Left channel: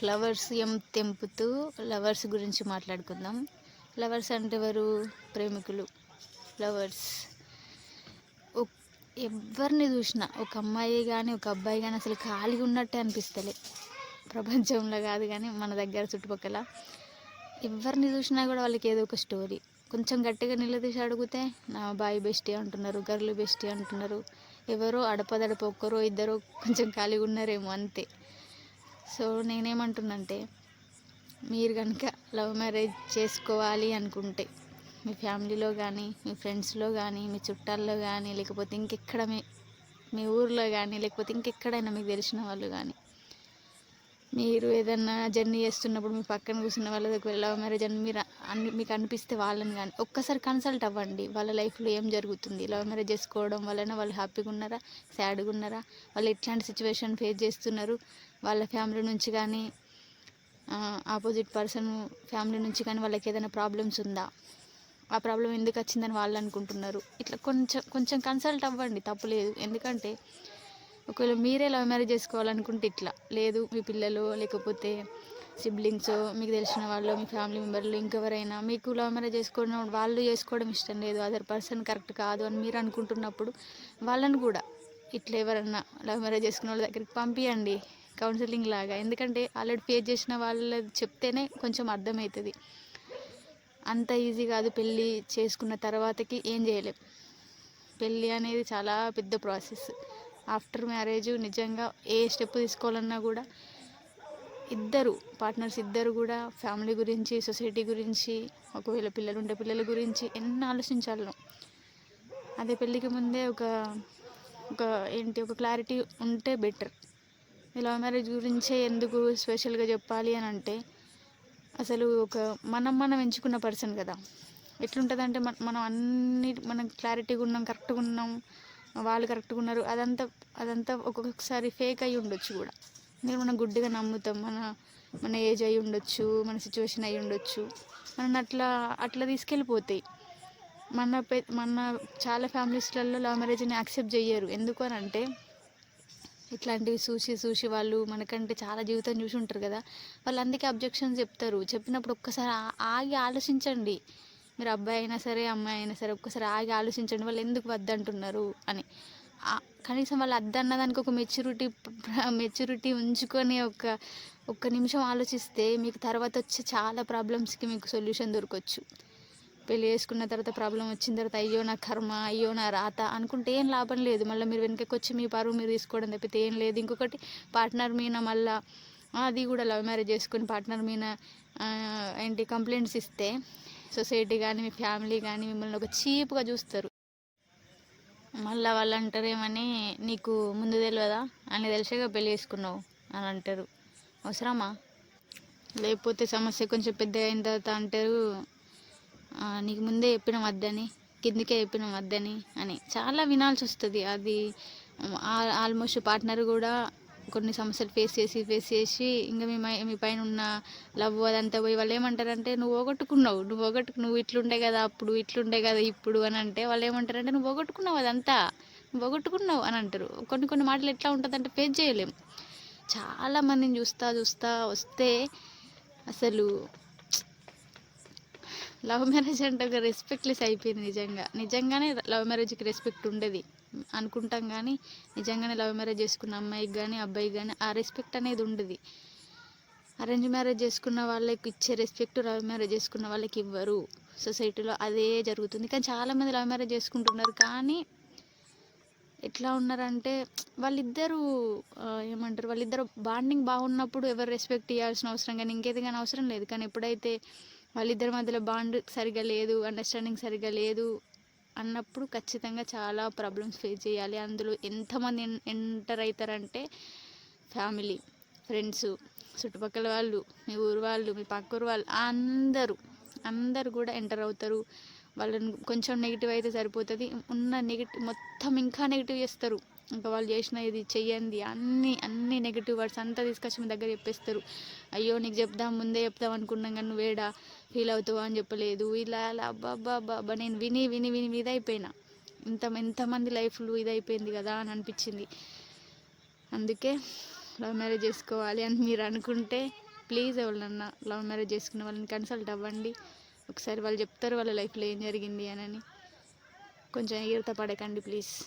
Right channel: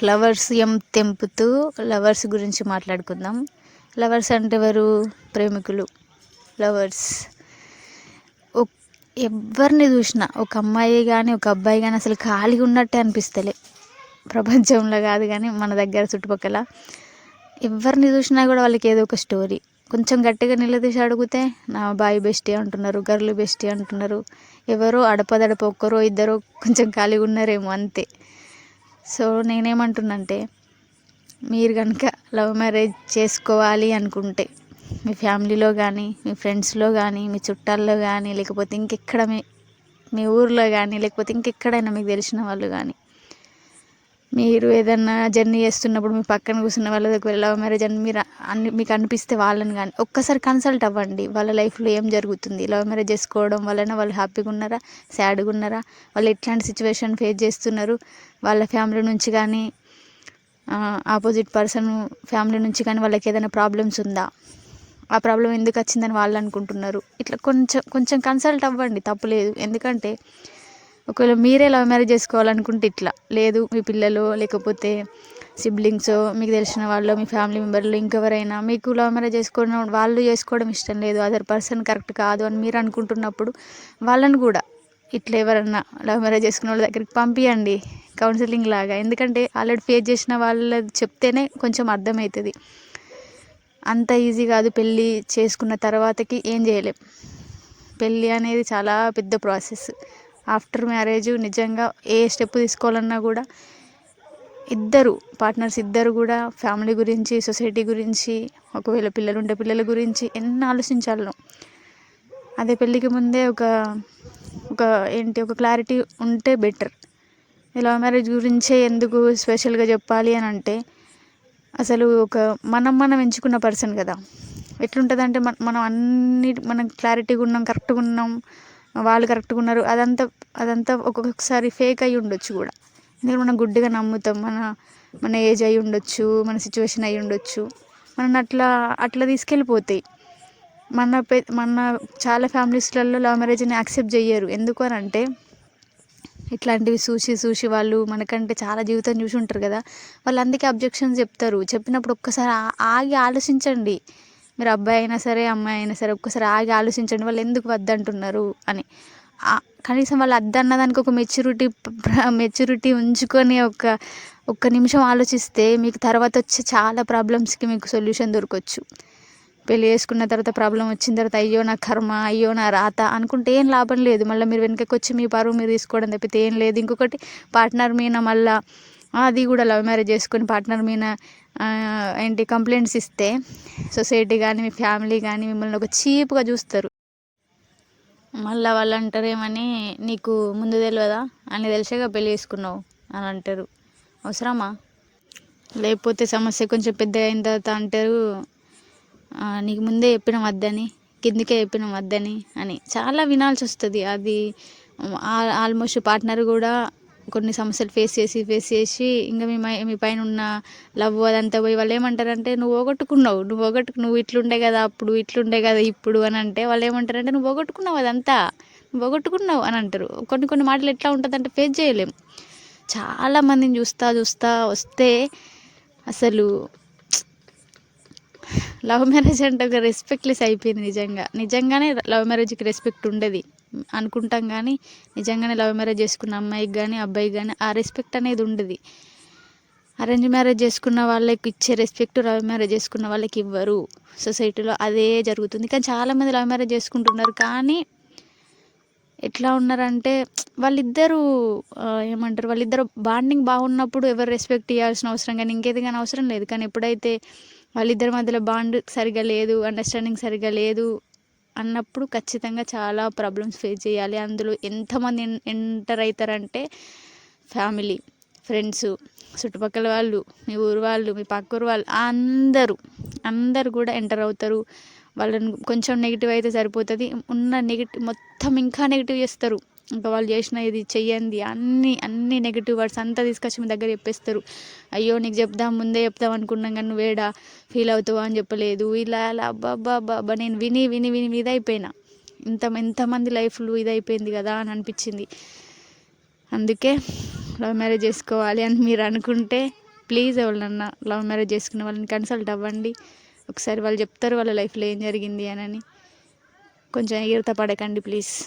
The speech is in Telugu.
ఫ్లవర్స్ తెంపుతూ లవర్స్ గురించి మాట్లాడుకుందాం. లవర్స్ అంటే ఎవరు? ప్రేమికులు. లవర్స్ ఎవరిని చూసినా ఒక అమ్మాయి కానీ ఒక అబ్బాయి కానీ అసలు ఖాళీగా ఉన్నట్టే అనిపిస్తలే. ప్రపంచంలో కాదు కానీ మన దగ్గర చుట్టుపక్కల ఎవరిని చూసినా కూడా వాళ్ళకి ఏదో ఒక స్టోరీ. కొంచెం గట్టిగా నిలదీసి అడిగితే నా బాయ్ బెస్టీ అంటున్నారు, గర్ల్ బెస్టీ అంటున్నారు. ఎవరో అడపదడప ఒక్కరో ఇద్దరో కొంచెం ఖాళీగా ఉన్నారేమో అంతే. సో నేనేమంటున్నంటే, మీరు కనుక లవ్ మ్యారేజ్ చేసుకోవాలి అనుకుంటే మీ ఫ్యామిలీలో కానీ మీ ఫ్రెండ్స్లో కానీ మీ చుట్టాల్లో కానీ లేకపోతే ఇంకెక్కడ మీ ఊర్లో కానీ లేకపోతే ఇంకెక్కడైనా మీకు తెలిసిన వాళ్ళు కానీ మీరు ఏదన్నా జర్నీ చేస్తున్నప్పుడు మీ పక్కన కూర్చున్న వాళ్ళ దగ్గర లవ్ మ్యారేజ్ అని మీకు అనిపిస్తే వాళ్ళని కానీ ఒక్కసారి కన్సల్ట్ అవ్వండి. వాళ్ళ లైఫ్లో ఏం జరుగుతుంది, లవ్ మ్యారేజ్ చేసుకోవడం వలన వాళ్ళు హ్యాపీగా ఉన్నారా, సాడ్గా ఉన్నారా, వాళ్ళు ఎట్లాంటి సిచ్యువేషన్ ఫేస్ చేస్తున్నారు, వాళ్ళ ఫ్యామిలీ నుంచి కానీ ఆపోజిట్ పర్సన్ ఫ్యామిలీ నుంచి కానీ వాళ్ళకి ఏదైనా ప్రాబ్లమ్స్ ఉందా, ఆ ప్రాబ్లం ఎందుకు వచ్చిందని వాళ్ళు అనుకుంటున్నారు. ఇట్లా కొంచెం కన్సల్ట్ అవ్వండి, తప్పులేదు. ఎందుకంటే ఒకవేళ మీరే లవ్ మ్యారేజ్ చేసుకోవాలనుకుంటే ఇట్లా లేదు, మీ పిల్లలు లేకపోతే సిబ్లింగ్స్ మీకు తెలిసిన వాళ్ళు మీ ఫ్యామిలీ మెంబర్లు ఇంకెవరైనా మీకు లవ్ మ్యారేజ్ వాళ్ళు చేసుకోవడం ఇష్టం లేదు, అదర్ పర్సన్ కరెక్ట్ కాదు అని మీరు అనుకుంటున్నప్పుడు వాళ్ళని కూడా ఇట్లా ఎవరన్నా లవ్ మ్యారేజ్ చేసుకున్న వాళ్ళ దగ్గరికి పంపించండి కౌన్సిలింగ్ లాగా. ఎందుకంటే ఆల్రెడీ ఫేస్ చేసిన వాళ్ళది చెప్తేనే కొంచెం అర్థమవుతుంది. అంత ఈజీ కాదు. పెళ్ళి చేసుకున్న తర్వాతకి ఏం చేయలేం. పెళ్ళి అనేది చాలా పెద్ద ప్రాసెస్. ఆఫ్టర్ మ్యారేజ్ నిజంగా ఏ స్టెప్ తీసుకోవాలన్నా కూడా పార్ట్నర్స్ ఇద్దరు కూడా ఫ్యామిలీ గురించి, సొసైటీ గురించి, ఒకవేళ పిల్లలు ఉంటే పిల్లల గురించి ఎన్ని ఆలోచించాలో. అదే పెళ్ళికి ముందే ఒక క్లారిటీ ఉంటే బెటర్. లవ్ మ్యారేజ్ గురించే ఎందుకు స్పెషల్గా చెప్పాలి అని అంటే, అసలు మనం ఎంచుకున్న పర్సన్ కదా. ఎట్లుంటుందంటే మనం క్లారిటీగా ఉన్నాం, కరెక్ట్గా ఉన్నాం, వాళ్ళు కరెక్ట్గా ఉన్నారు, అదంతా ఒక్కొక్కసారి ఫేక్ అయి ఉండొచ్చు కూడా. ఎందుకంటే మనం గుడ్డిగా నమ్ముతాం. మన ఏజ్ అయి ఉండొచ్చు, మన సిచ్యువేషన్ అయి ఉండొచ్చు. మనం అట్లా తీసుకెళ్ళిపోతాయి. మన చాలా ఫ్యామిలీస్లలో లవ్ మ్యారేజ్ని యాక్సెప్ట్ చెయ్యరు. ఎందుకు అని అంటే, ఇట్లాంటివి చూసి వాళ్ళు మనకంటే చాలా జీవితం చూసి ఉంటారు కదా, వాళ్ళు అందుకే అబ్జెక్షన్స్ చెప్తారు. చెప్పినప్పుడు ఒక్కసారి ఆగి ఆలోచించండి. మీరు అబ్బాయి అయినా సరే అమ్మాయి అయినా సరే ఒక్కసారి ఆగి ఆలోచించండి, వాళ్ళు ఎందుకు వద్దంటున్నారు అని. కనీసం వాళ్ళు వద్దన్నదానికి ఒక మెచ్యూరిటీ ఉంచుకొని ఒక్క నిమిషం ఆలోచిస్తే మీకు తర్వాత వచ్చే చాలా ప్రాబ్లమ్స్కి మీకు సొల్యూషన్ దొరకవచ్చు. పెళ్ళి చేసుకున్న తర్వాత ప్రాబ్లం వచ్చిన తర్వాత అయ్యో నా కర్మ, అయ్యో నా రాత అనుకుంటే ఏం లాభం లేదు. మళ్ళీ మీరు వెనకకి వచ్చి మీ పరువు మీరు తీసుకోవడం తప్పితే ఏం లేదు. ఇంకొకటి, పార్ట్నర్ మీద మళ్ళీ అది కూడా లవ్ మ్యారేజ్ చేసుకొని పార్ట్నర్ మీద కంప్లైంట్స్ ఇస్తే సొసైటీ కానీ మీ ఫ్యామిలీ కానీ మిమ్మల్ని ఒక చీప్గా చూస్తారు. మళ్ళీ వాళ్ళు అంటారేమని, నీకు ముందు తెలియదా అని తెలిసేగా పెళ్ళి చేసుకున్నావు అని అంటారు. అవసరమా? లేకపోతే సమస్య కొంచెం పెద్ద అయిన తర్వాత అంటారు, నీకు ముందే చెప్పినాం వద్దని, కిందికే చెప్పినాం వద్దని అని. చాలా వినాల్సి వస్తుంది. అది ఆల్మోస్ట్ పార్ట్నర్ కూడా కొన్ని సమస్యలు ఫేస్ చేసి ఇంకా మీ పైన ఉన్న లవ్ అదంతా పోయి వాళ్ళు ఏమంటారంటే, నువ్వు ఇట్లుండే కదా అప్పుడు, ఇట్లుండే కదా ఇప్పుడు అని అంటే వాళ్ళు ఏమంటారంటే, నువ్వు పోగొట్టుకున్నావు అదంతా, నువ్వు పోగొట్టుకున్నావు అని అంటారు. కొన్ని మాటలు ఎట్లా ఉంటుందంటే ఫేస్ చేయలేం. చాలామందిని చూస్తా వస్తే అసలు లవ్ మ్యారేజ్ అంటే ఒక రెస్పెక్ట్లెస్ అయిపోయింది. నిజంగానే లవ్ మ్యారేజ్కి రెస్పెక్ట్ ఉండదు అనుకుంటాం, కానీ నిజంగానే లవ్ మ్యారేజ్ చేసుకున్న అమ్మాయికి కానీ అబ్బాయికి కానీ ఆ రెస్పెక్ట్ అనేది ఉండదు. అరేంజ్ మ్యారేజ్ చేసుకున్న వాళ్ళకి ఇచ్చే రెస్పెక్ట్ లవ్ మ్యారేజ్ చేసుకున్న వాళ్ళకి ఇవ్వరు. సొసైటీలో అదే జరుగుతుంది. కానీ చాలామంది లవ్ మ్యారేజ్ చేసుకుంటున్నారు, కానీ ఎట్లా ఉన్నారంటే వాళ్ళిద్దరూ బాండింగ్ బాగున్నప్పుడు ఎవరు రెస్పెక్ట్ ఇవ్వాల్సిన అవసరం కానీ ఇంకేది కానీ అవసరం లేదు. కానీ ఎప్పుడైతే వాళ్ళిద్దరి మధ్యలో బాండ్ సరిగా లేదు, అండర్స్టాండింగ్ సరిగా లేదు అన్నప్పుడు ఖచ్చితంగా చాలా ప్రాబ్లమ్స్ ఫేస్ చేయాలి. అందులో ఎంతమంది ఎంటర్ అవుతారంటే, ఫ్యామిలీ, ఫ్రెండ్స్, చుట్టుపక్కల వాళ్ళు, మీ ఊరు వాళ్ళు, మీ పక్క ఊరు వాళ్ళు, అందరూ కూడా ఎంటర్ అవుతారు. వాళ్ళని కొంచెం నెగిటివ్ అయితే సరిపోతుంది, ఉన్న నెగిటివ్ మొత్తం ఇంకా నెగిటివ్ చేస్తారు. ఇంకా వాళ్ళు చేసిన ఇది చెయ్యండి అన్ని నెగిటివ్ వర్డ్స్ అంతా తీసుకొచ్చి మీ దగ్గర చెప్పేస్తారు. అయ్యో నీకు ముందే చెప్దాం అనుకున్నాం కానీ నువ్వేడా ఫీల్ అవుతావు అని చెప్పలేదు, ఇలా అబ్బా నేను విని ఇదైపోయినా. ఎంతమంది లైఫ్లు ఇదైపోయింది కదా అని అనిపించింది. అందుకే లవ్ మ్యారేజ్ చేసుకోవాలి అని మీరు అనుకుంటే ప్లీజ్ ఎవరినన్నా లవ్ మ్యారేజ్ చేసుకున్న వాళ్ళని కన్సల్ట్ అవ్వండి. ఒకసారి వాళ్ళు చెప్తారు వాళ్ళ లైఫ్లో ఏం జరిగింది అని. కొంచెం ఎగిరిత పడకండి ప్లీజ్.